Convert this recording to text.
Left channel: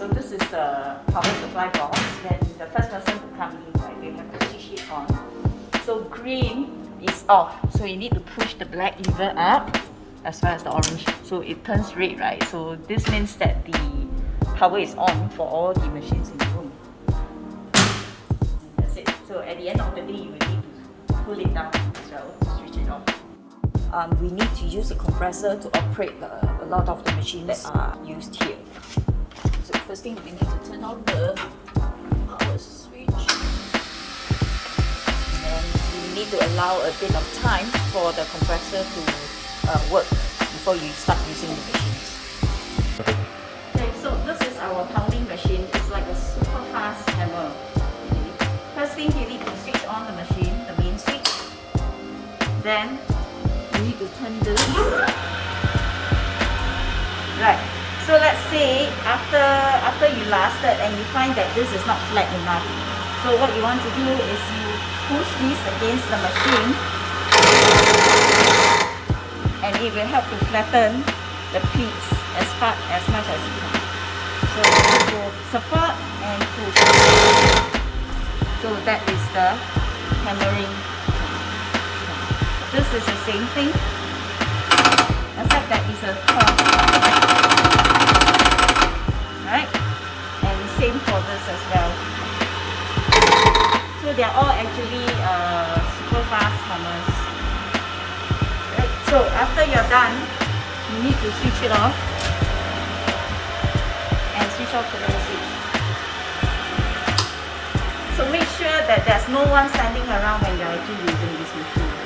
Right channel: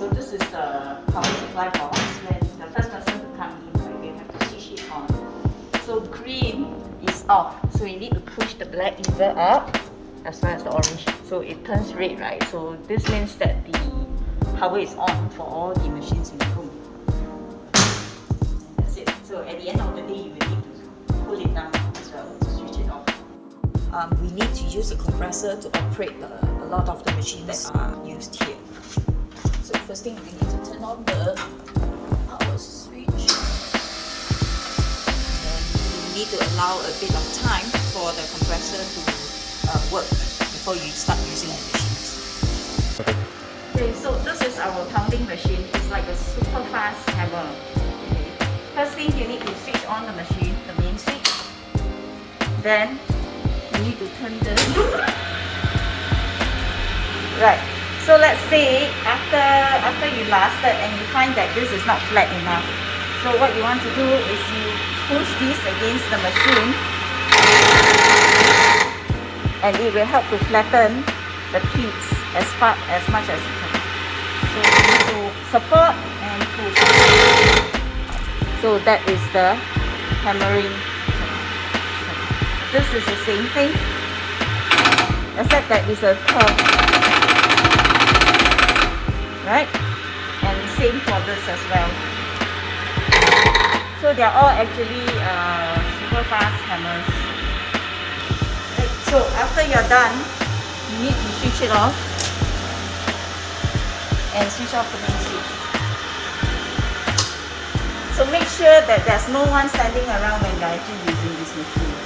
So this is the power supply box. When the first person to come in, right, they have to switch it on. So green is off. So you need to push the black lever up as well as the orange. So it turns red, right? So this means that the power is on for all the machines in the room. That's it. So at the end of the day, you will need to pull it down as well to switch it off. We need to use a compressor to operate a lot of the machines that are used here. So first thing, we need to turn on the power switch, and you need to allow a bit of time for the compressor to work before you start using the machines. Okay, so this is our pounding machine. It's like a super fast hammer. Okay. First thing, you need to switch on the machine, the main switch. Then you need to turn this. Right. So let's say after you lasted and you find that this is not flat enough. So what you want to do is you push this against the machine, and it will help to flatten the peaks as much as you can. So you need to support and push. So that is the hammering. This is the same thing, except that it's a curve, right? And same for this as well. So they are all actually super fast hammers. Right. So after you're done, you need to switch it off and switch off the main switch. So make sure that there's no one standing around when you're actually using this machine.